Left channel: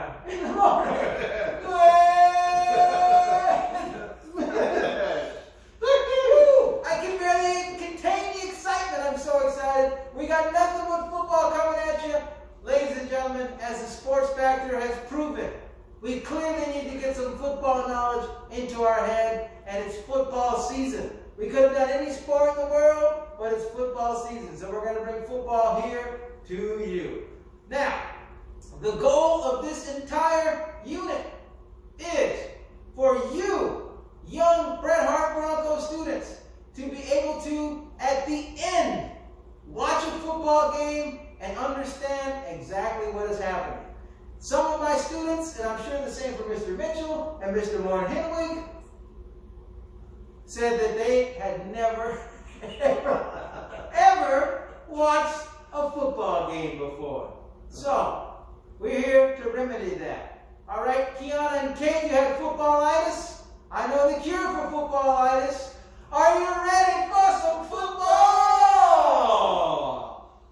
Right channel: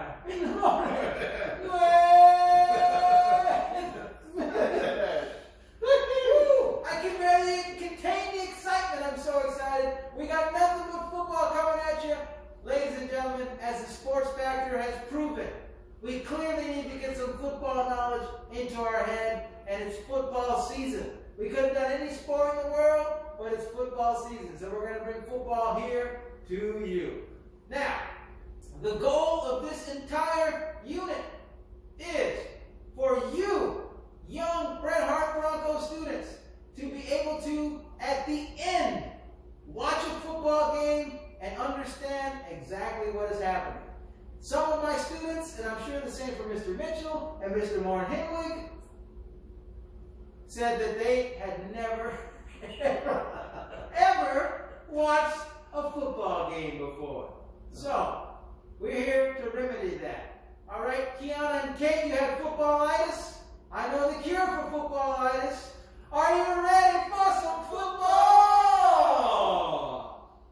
time. In the morning. I can barely contain the excitement. I'm so excited. We got nothing but football coming at you. Ladies and gentlemen, as the Sports Factor has proven, we clearly need to get some football knowledge into our head, and it's football season. We could have done any sport in the world, but it's football season, so we're going to bring football here to you. Now, the goal of this entire unit is for you, young Bret Hart Bronco students, to be able to, at the end, watch a football game and understand exactly what is happening. Some of my students, and I'm sure the same for Mr. Mitchell and Mr. Martin Hinwig, said that they had never, ever watched a football game before. So, we're here to remedy that. All right, Kiana and Kate, you had footballitis. I know the cure for footballitis. Are you ready for some football?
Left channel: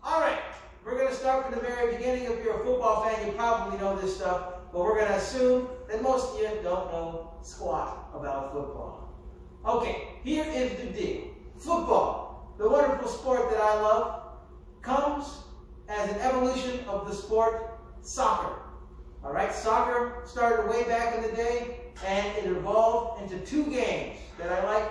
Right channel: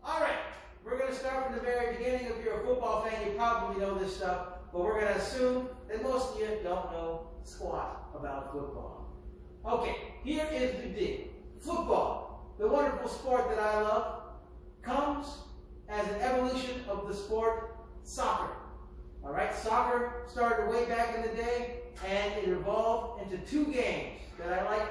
All right, we're going to start from the very beginning. If you're a football fan, you probably know this stuff, but we're going to assume that most of you don't know squat about football. Okay, here is the deal. Football, the wonderful sport that I love, comes as an evolution of the sport soccer. All right, soccer started way back in the day, and it evolved into two games that I like,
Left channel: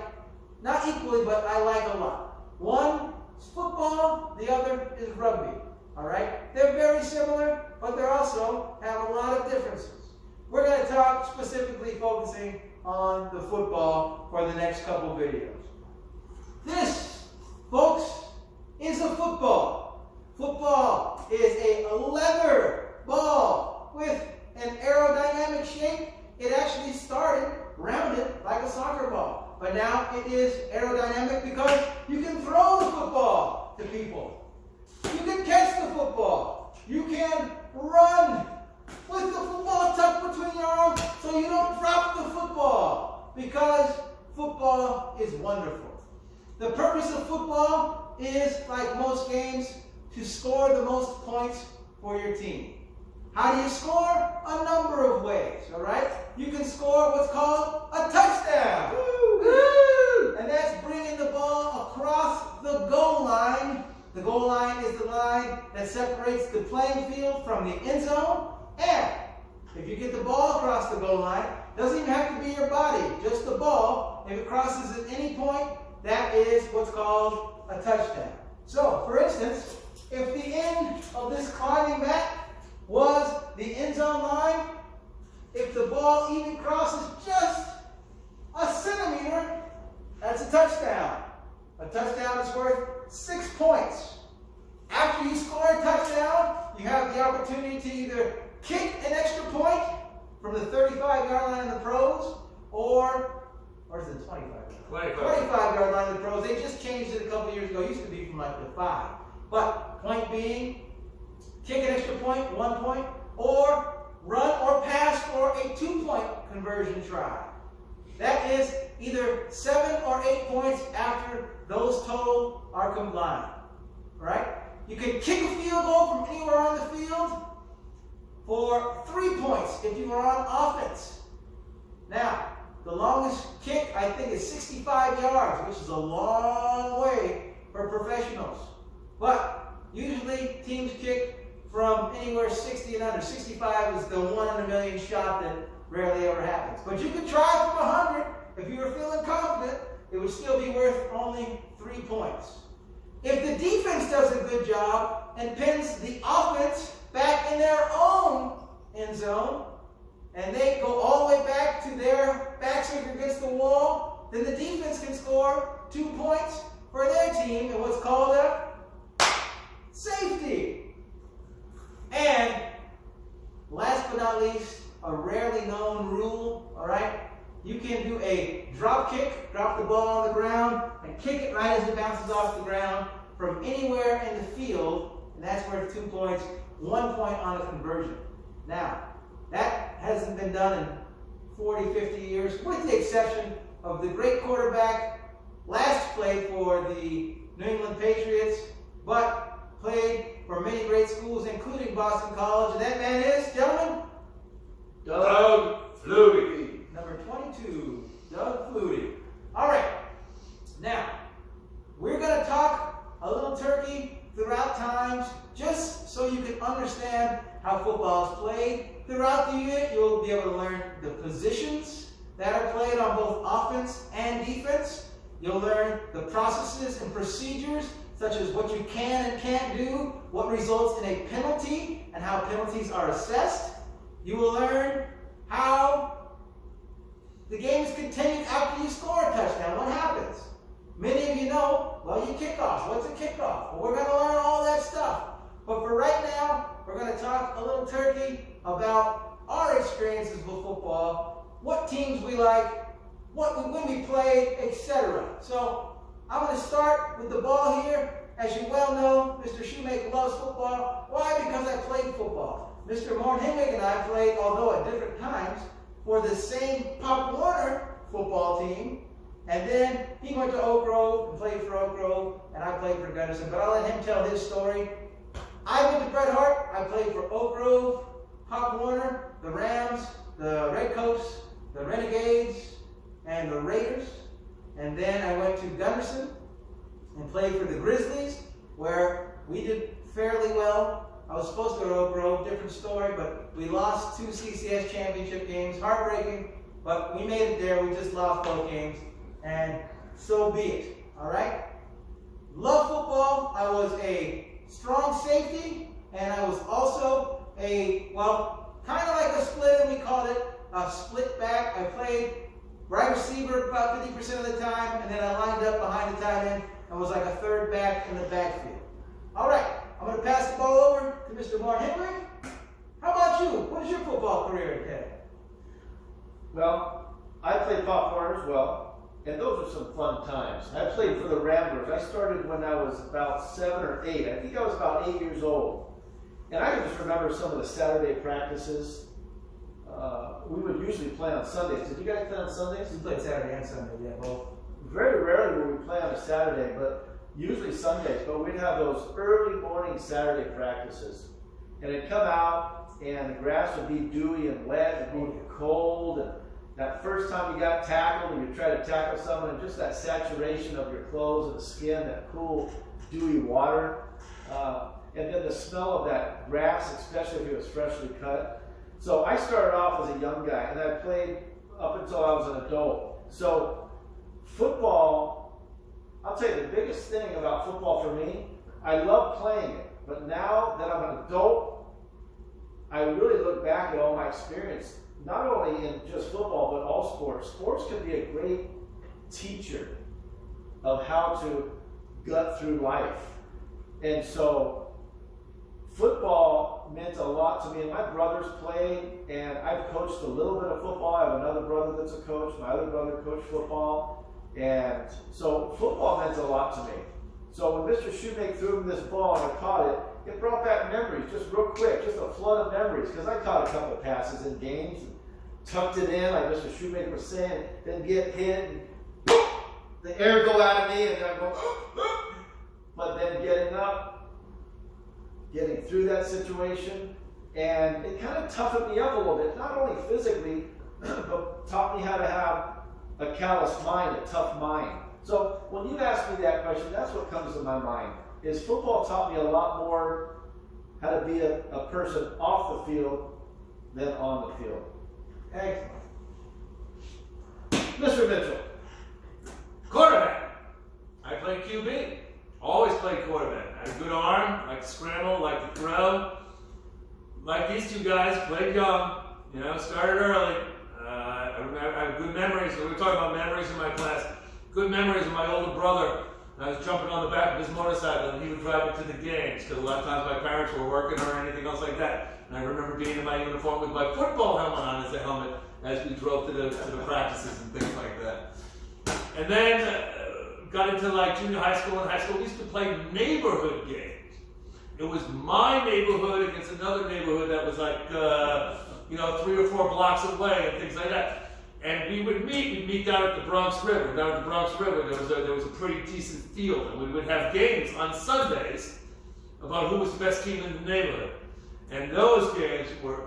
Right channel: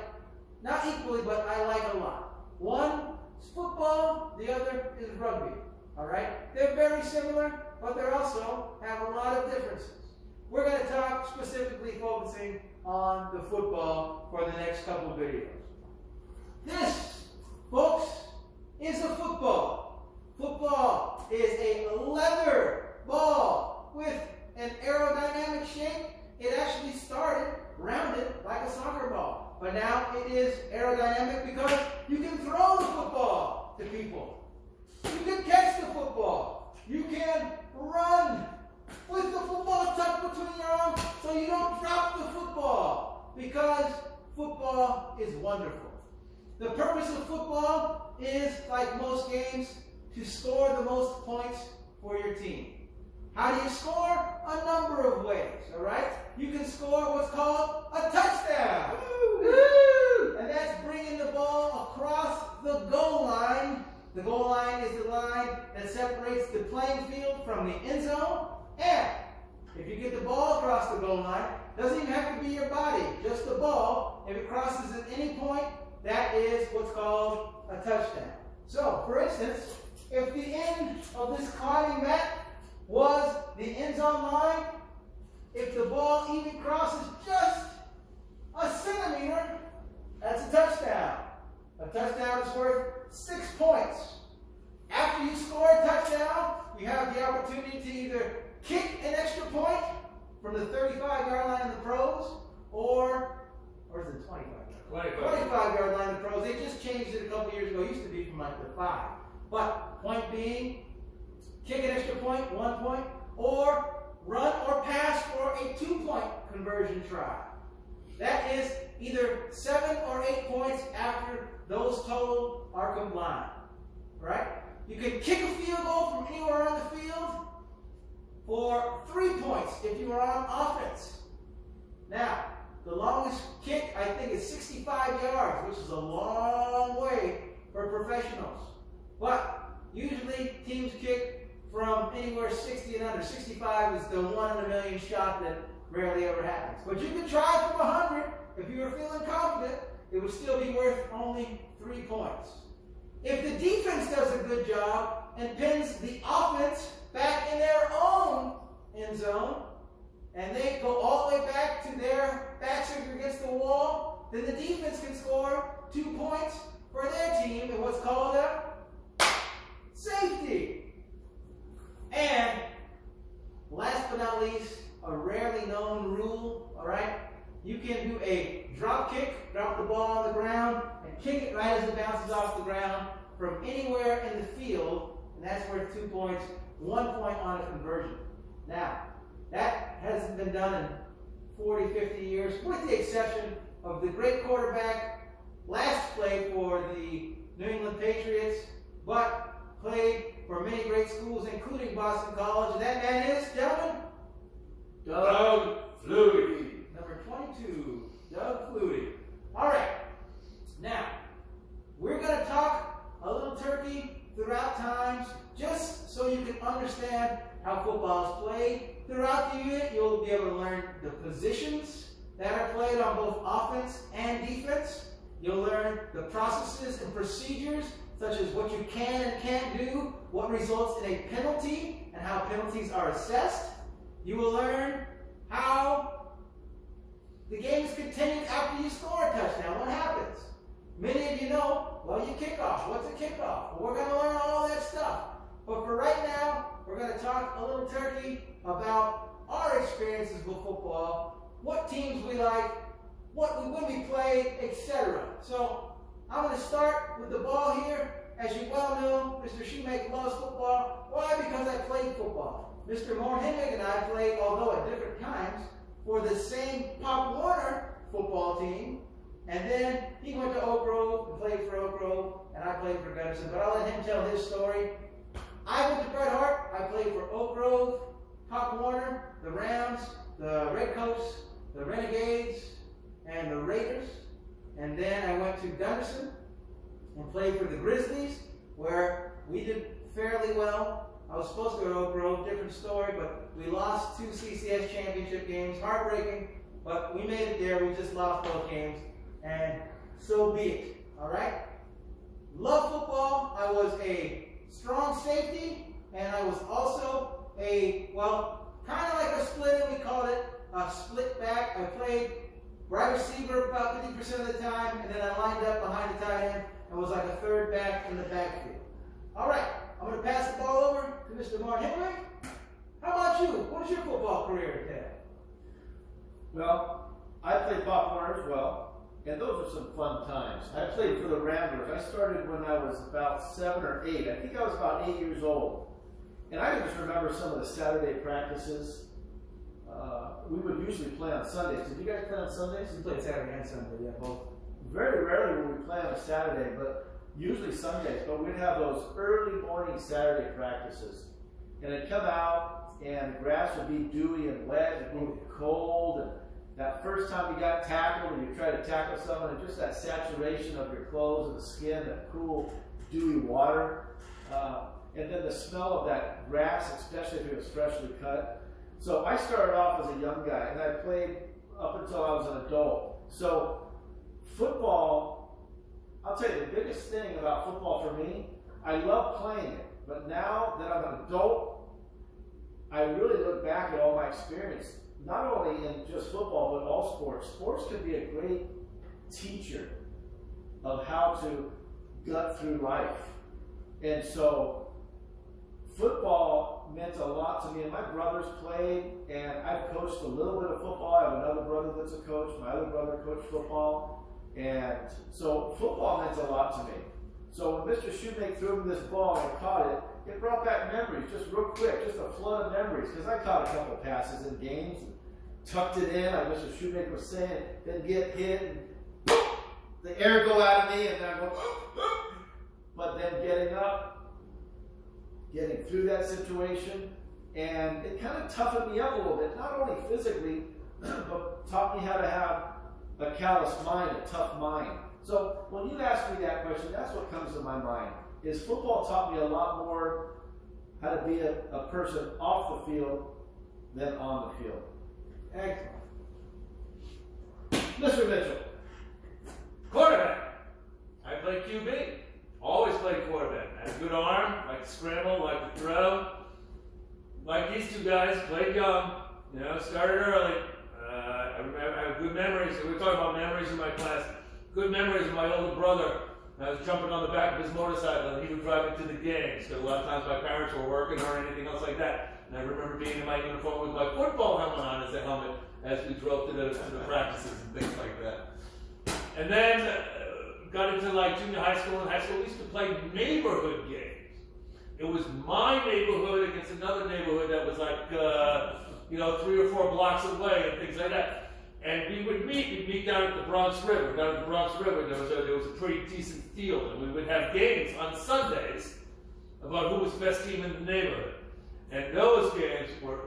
not equally, but I like a lot. One is football, the other is rugby. All right, they're very similar, but they also have a lot of differences. We're going to talk specifically focusing on the football for the next couple videos. This, folks, is a football. Football is a leather ball with an aerodynamic shape. It actually started rounded like a soccer ball, but now it is aerodynamic because you can throw the football to people. You can catch the football. You can run with the football tucked between your arms so you don't drop the football, because football is wonderful. The purpose of football is, like most games, to score the most points for your team. How do you score? A number of ways, all right? You can score what's called a touchdown. Woo! And that's bringing the ball across the goal line. The goal line is the line that separates the playing field from the end zone. And if you get the ball across the goal line, it doesn't even have to be your body, just the ball. If it crosses at any point, that is what's called a touchdown. So, for instance, if the end of this climbing mat was the end zone line, if the ball even crosses just a centimeter, that's a touchdown. A touchdown is worth 6 points. After you score a touchdown, you have the opportunity to either kick an extra point from the 35-yard line in the pros, or is it 25-yard line in the pros. They just changed it a couple years ago. It used to be from like the 5. But point being, kick an extra point, 1 point, or run or pass for a 2-point conversion try. That is either 7 or 8 points after those total are combined. Right? You can kick a field goal from anywhere on the field for 3 points if you are on offense. Now, the longest kick, I think, is 65 yards, which is a long way for professionals. But usually teams kick from anywhere 60 and under. 65 is the 1 in a million shot that rarely ever happens. But you could try from 100. If you were feeling confident, it would still be worth only 3 points. If the defense does a good job and pins the offense back in their own end zone, and they go all the way back to their backs against the wall, then the defense can score 2 points for their team in what's called a safety. And last but not least, a rarely known rule, all right? You can do a drop kick, drop the ball on the ground, and kick it right as it bounces off the ground from anywhere in the field, and that's worth 2 points, 1 point on a conversion. Now, that hasn't been done in 40, 50 years, with the exception of the great quarterback last played for the New England Patriots, but played for many great schools, including Boston College, and that man is, gentlemen, Doug Flutie. Number 22, Doug Flutie. All right. Now, we're going to talk a little turkey throughout times, just so you can understand how football is played. Throughout the unit, you'll be able to learn the positions that are played on both offense and defense. You'll learn the processes and procedures, such as what you can and can't do, what results in a penalty, and how penalties are assessed. You will learn how the game is continued after you score a touchdown. What happens? Many of you know, well, you kick off. What's a kickoff? Well, we're going to learn all that stuff. But for right now, we're going to talk a little turkey about our experiences with football, what teams we like, when we play, etc. So I'm going to start with the ball here. As you well know, Mr. Shoemaker loves football. Why? Because I played football. Mr. Morn-Henwig and I played, although at different times, for the same Pop Warner football team. And then he went to Oak Grove and played for Oak Grove, and I played for Gunnison. But I'll let him tell his story. I went to Bret Hart. I played for Oak Grove, Pop Warner, the Rams, the Redcoats, the Renegades, and the Raiders. And then I went to Gunnison and played for the Grizzlies, where we did fairly well. I was supposed to go to Oak Grove, different story, but we lost 2 CCS championship games. Heartbreaking, but we made it there. We just lost both games, and so be it. All right? Love football. I was a strong safety, and I was also a, well, kind of like a splitter. We called it a split back. I played wide receiver about 50% of the time, and then I lined up behind the tight end and was like a third back in the backfield. All right, I'm going to pass the ball over to Mr. Morn-Henwig. How about you? What is your football career entail? Well, I played Pop Warner as well, and those are some fun times. I played for the Ramblers. I started when I was about 7 or 8. I think I was about 8 years old. And I can just remember some of the Saturday practices. We would usually play on Sundays. Did you guys play on Sundays? We played Saturday and Sunday, yeah, both. Very rarely would we play on a Saturday, but usually Sundays. But we'd have those early morning Saturday practices. And it'd come out, and the grass would be dewy and wet, and it'd be cold. And that first time you got tackled, and you try to tackle someone, and just that saturation of your clothes and the skin, that cool, dewy water. And then the smell of that grass, especially if it was freshly cut. So I started off as a young guy, and I played up until I was an adult. So football, I'll tell you the biggest thing about football for me, I love playing it. But now that I'm an adult, I really look back at all my experience, not only in just football, but all sports. Sports can be a great teacher of how to gut through life. And so football meant a lot to me, and my brothers played, and I've coached a little bit of football. I have another brother that's a coach. My other brother coached football, and so football meant a lot to me. So when Mr. Shoemaker threw me this ball and I caught it, it brought back memories, just real quick, just a flood of memories, because I caught a couple of passes in games and tucked it in, like Mr. Shoemaker was saying, then get hit, and the air go out of me, and then I go, but then getting up, getting through that situation, and it kind of toughened me up a little bit, not only physically, but taught me how to have a callous mind, a tough mind. So when you ask me that question, that's what comes to my mind, is football taught me a lot more how to be a person off the field than on the field. Excellent. Mr. Mitchell. Quarterback. I played QB. Always played quarterback. I had a good arm, like to scramble, like to throw. Like these two guys, played young, started early. I have good memories. We were talking about memories in my class. Good memories of my older brother. I was jumping on the back of his motorcycle, and he would drive me to the games, because a lot of times my parents were working or anything else like that. And I remember being in my uniform with my football helmet on as a helmet as we drove to the practices and things like that. And then got into like junior high school and high school. We used to play neighborhood games. It was my neighborhood against another neighborhood that was like 3 or 4 blocks away and things like that. And we would meet down at the Bronx River. Down at the Bronx River, there was a pretty decent field, and we would have games on Sundays about who was the best team in the neighborhood. And those games were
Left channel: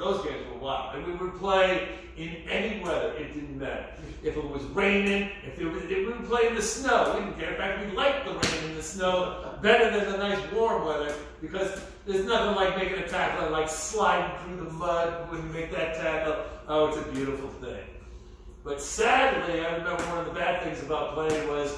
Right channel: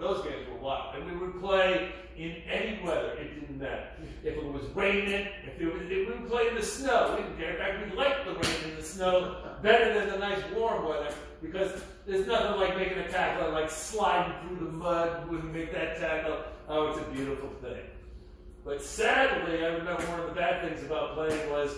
wild. And we would play in any weather. It didn't matter. If it was raining, if we would play in the snow, we didn't care. In fact, we liked the rain and the snow better than the nice warm weather, because there's nothing like making a tackle and like sliding through the mud when you make that tackle. Oh, it's a beautiful thing. But sadly, I remember one of the bad things about playing was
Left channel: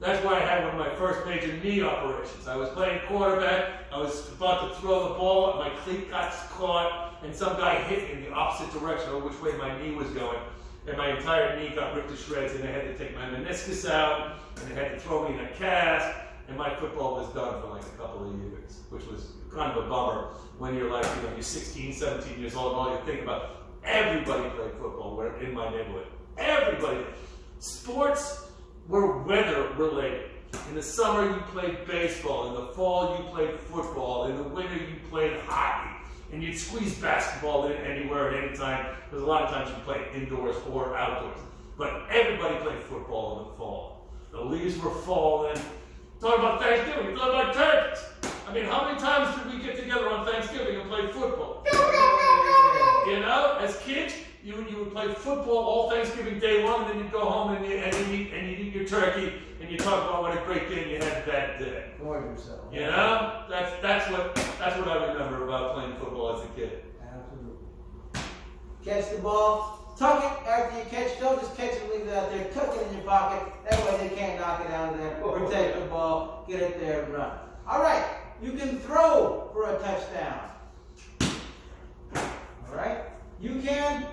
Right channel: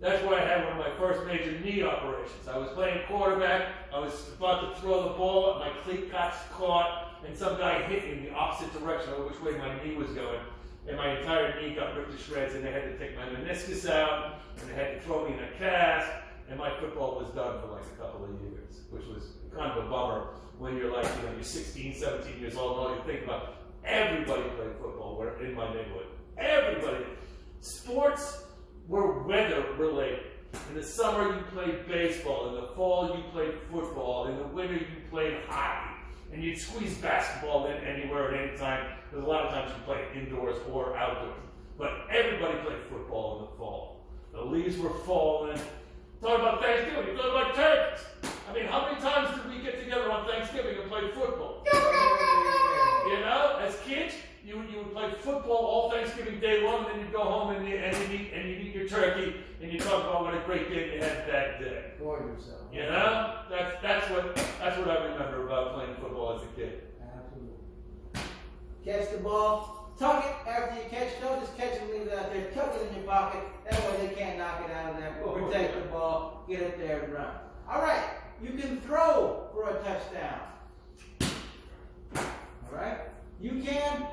that's where I had one of my first major knee operations. I was playing quarterback. I was about to throw the ball. My cleat got caught, and some guy hit in the opposite direction, or which way my knee was going. And my entire knee got ripped to shreds, and they had to take my meniscus out, and they had to throw me in a cast, and my football was done for like a couple of years, which was kind of a bummer when you're like, you're 16, 17 years old, and all you think about, everybody played football in my neighborhood. Everybody. Sports were weather related. In the summer you played baseball, in the fall you played football, in the winter you played hockey, and you'd squeeze basketball in anywhere at any time, because a lot of times you played indoors or outdoors. But everybody played football in the fall. The leaves were falling. Talk about Thanksgiving, talk about turkeys. I mean, how many times did we get together on Thanksgiving and play football? You know, as kids, you would play football all Thanksgiving Day long, and then you'd go home and you'd eat your turkey, and you talk about what a great game you had that day. For yourself. You know, that's what I remember about playing football as a kid. Absolutely. Catch the ball, tuck it after you catch. Don't just catch it and leave it out there. Tuck it in your pocket. That way they can't knock it out of there. Protect the ball. Get it there and run. All right. You can throw for a touchdown. All right. You can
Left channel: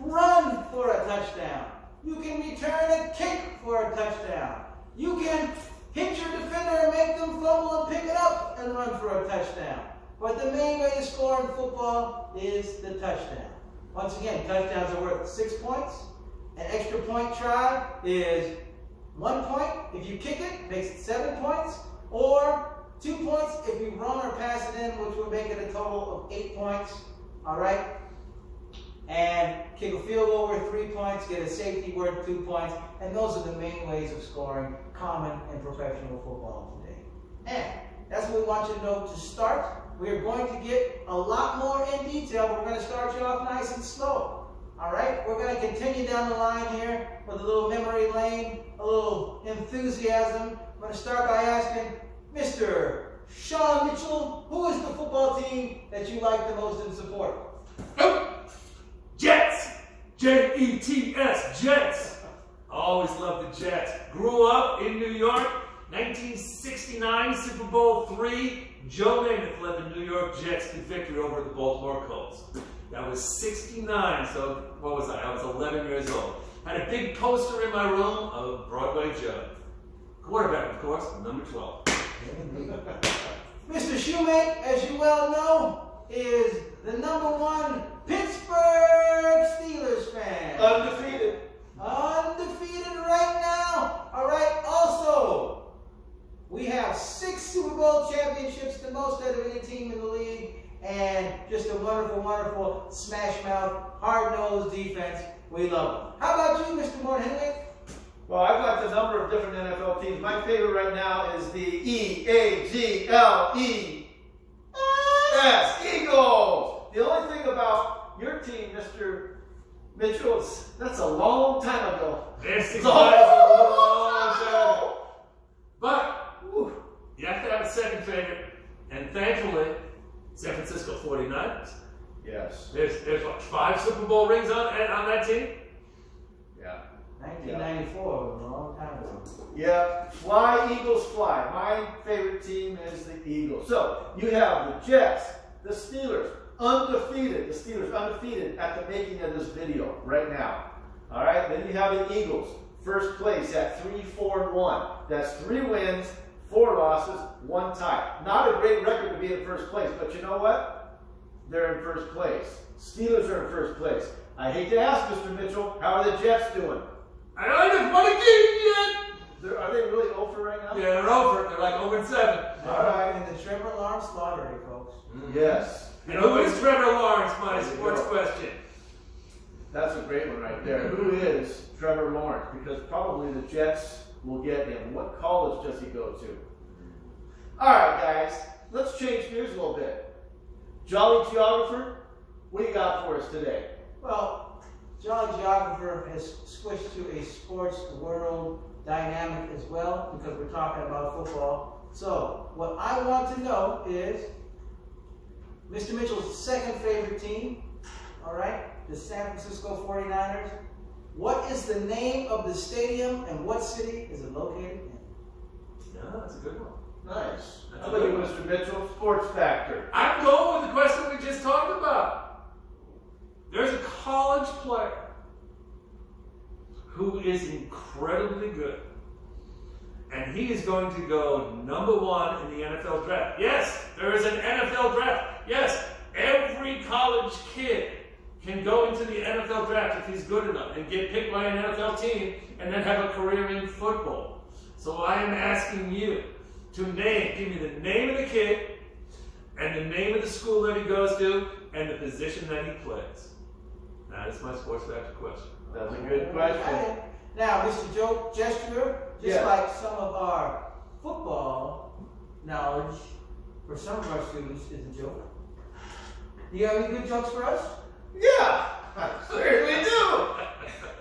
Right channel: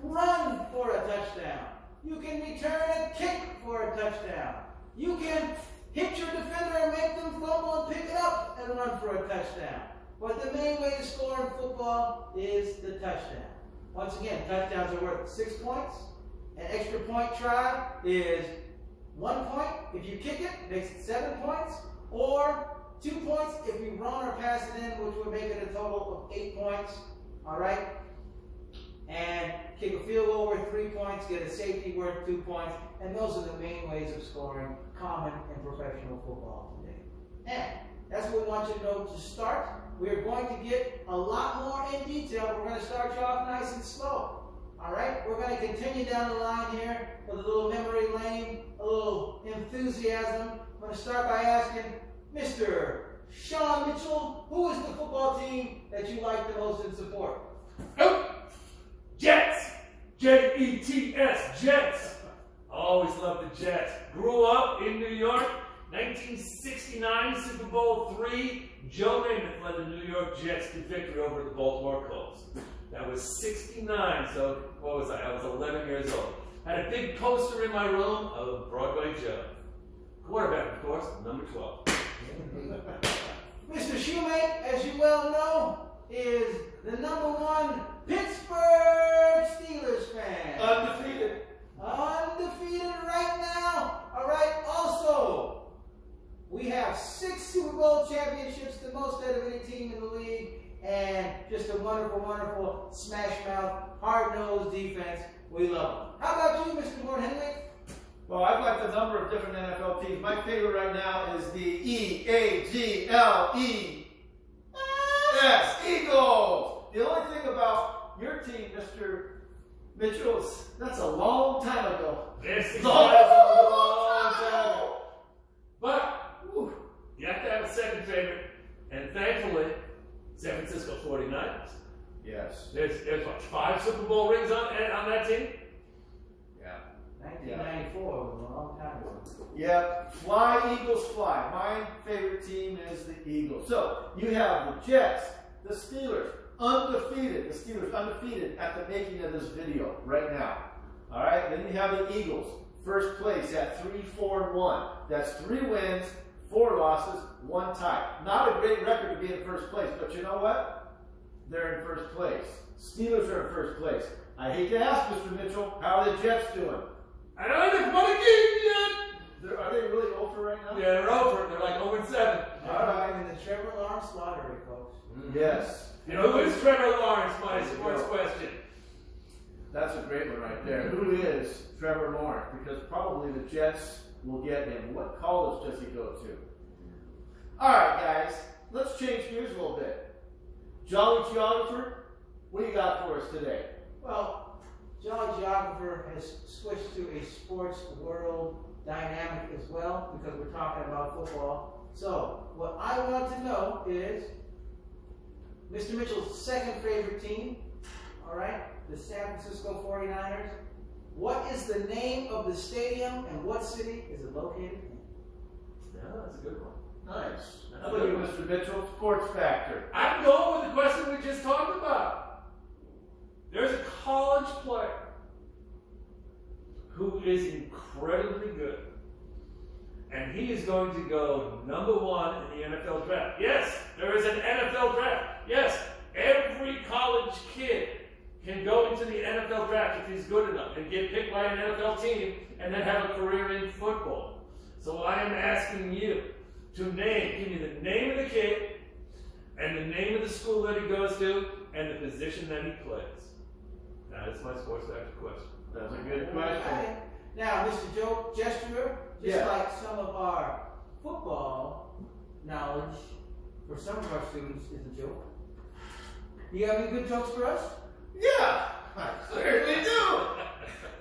run for a touchdown. You can return a kick for a touchdown. You can hit your defender and make them fumble and pick it up and run for a touchdown. But the main way to score in football is the touchdown. Once again, touchdowns are worth 6 points. An extra point try is 1 point. If you kick it, it makes it 7 points. Or 2 points if you run or pass it in, which would make it a total of 8 points. All right? And kick a field goal worth 3 points, get a safety worth 2 points. And those are the main ways of scoring common in professional football today. And that's what we want you to know to start. We're going to get a lot more in detail, but we're going to start you off nice and slow. All right? We're going to continue down the line here with a little memory lane, a little enthusiasm. I'm going to start by asking Mr. Sean Mitchell, who is the football team that you like the most and support? Jets! J-E-T-S, Jets. Always loved the Jets. Grew up in New York, 1969, Super Bowl III. Joe Namath led the New York Jets to victory over the Baltimore Colts. That was 69, so what was I? I was 11 years old. Had a big poster in my room of Broadway Joe. Quarterback, of course, number 12. Mr. Shoemake, as you well know, is the #1 Pittsburgh Steelers fan. Undefeated. Undefeated right now. All right. Also, we have 6 Super Bowl championships, the most out of any team in the league, and just a wonderful, wonderful smash mouth, hard-nosed defense. We love them. How about you, Mr. Moore-Henwick? Well, I've got a number of different NFL teams. My favorite right now is the E-A-G-L-E-S, Eagles. The only thing about your team, Mr. Mitchell, is that's a long time ago. This is a long time ago. But you have to have a second favorite, and thankfully, San Francisco 49ers. Yes. There's what, 5 Super Bowl rings on that team? Yeah. 1994 was a long time ago. Yep. Fly, Eagles, fly. My favorite team is the Eagles. So, you have the Jets, the Steelers, undefeated. The Steelers undefeated at the making of this video right now. All right. Then you have the Eagles, first place at 3-4-1. That's 3 wins, 4 losses, 1 tie. Not a great record to be in first place, but you know what? They're in first place. Steelers are in first place. I hate to ask, Mr. Mitchell, how are the Jets doing? I don't even want to get it Are they really over right now? yet. Yeah, they're over. They're like 0-7. All right. In the Trevor Lawrence lottery, folks. Yes. You know, who is Trevor Lawrence? My sports question. That's a great one right there. Who is Trevor Lawrence? Because probably the Jets will get him. What college does he go to? All right, guys. Let's change gears a little bit. Jolly Geographer, what do you got for us today? Well, Jolly Geographer has switched to a sports world dynamic as well because we're talking about football. So, what I want to know is Mr. Mitchell's second favorite team, all right, the San Francisco 49ers. What is the name of the stadium and what city is it located in? No, that's a good one. Nice. That's How a about you, good one. Mr. Mitchell? Sports Factor. I'm going with the question we just talked about. There's a college player who is incredibly good. And he is going to go #1 in the NFL draft. Yes, there is an NFL draft. Yes, every college kid can go into the NFL draft if he's good enough and get picked by an NFL team and then have a career in football. So I am asking you to give me the name of the kid and the name of the school that he goes to and the position that he plays. That is my sports factor question. That's a good question. Okay. Now, Mr. Joe Gesturer, just Yeah. like some of our football knowledge for some of our students is a joke. Do you have any good jokes for us? Yeah, I certainly do.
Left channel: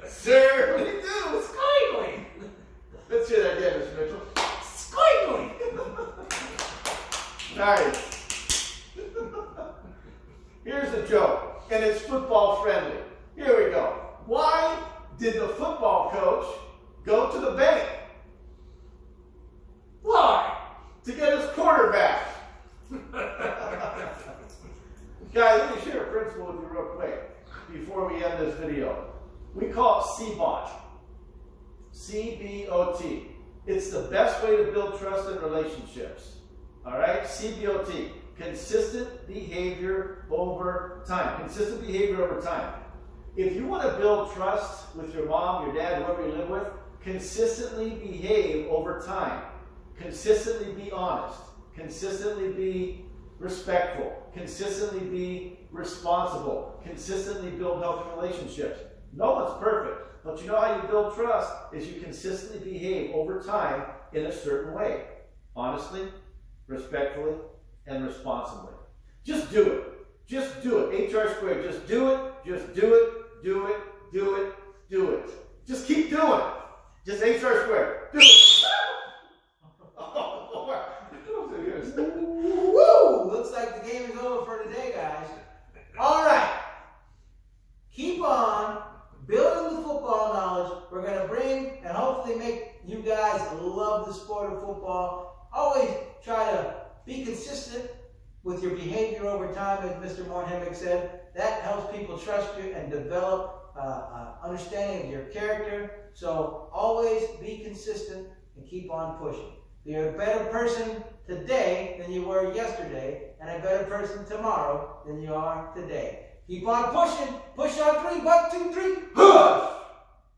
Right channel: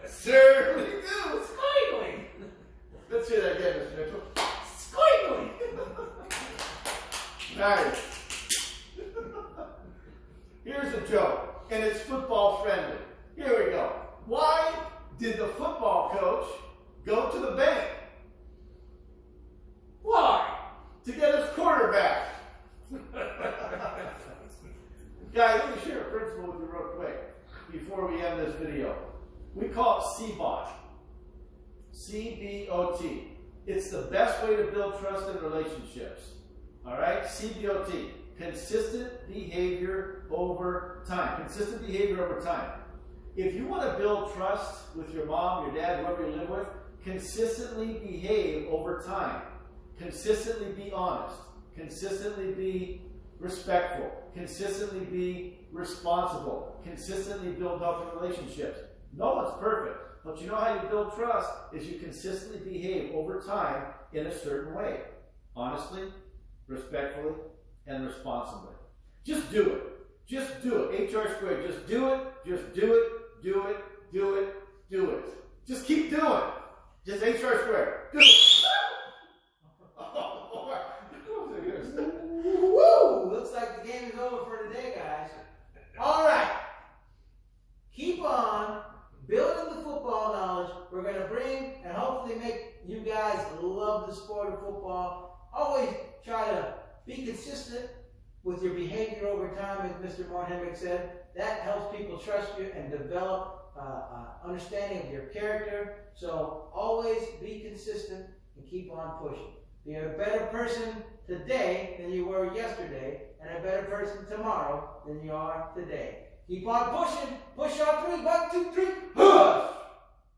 Certainly do. Squiggly! Let's hear that again, Mr. Mitchell. Squiggly! Nice. Here's a joke, and it's football friendly. Here we go. Why did the football coach go to the bank? Why? To get his quarterback. Guys, let me share a principle with you real quick before we end this video. We call it C-BOT. C-B-O-T. It's the best way to build trust in relationships. All right? C-B-O-T. Consistent behavior over time. Consistent behavior over time. If you want to build trust with your mom, your dad, whoever you live with, consistently behave over time. Consistently be honest. Consistently be respectful. Consistently be responsible. Consistently build healthy relationships. No one's perfect, but you know how you build trust is you consistently behave over time in a certain way. Honestly, respectfully, and responsibly. Just do it. Just do it. HR squared. Just do it. Just do it. Do it. Do it. Do it. Just keep doing it. Just HR squared. Do it. Woo! Looks like the game is over for today, guys. All right. Keep on building the football knowledge. We're going to bring and hopefully make you guys love the sport of football. Always try to be consistent with your behavior over time, as Mr. Moorhemick said. That helps people trust you and develop understanding of your character. So always be consistent and keep on pushing. Be a better person today than you were yesterday, and a better person tomorrow than you are today. Keep on pushing. Push on 3. 1, 2, 3. Push!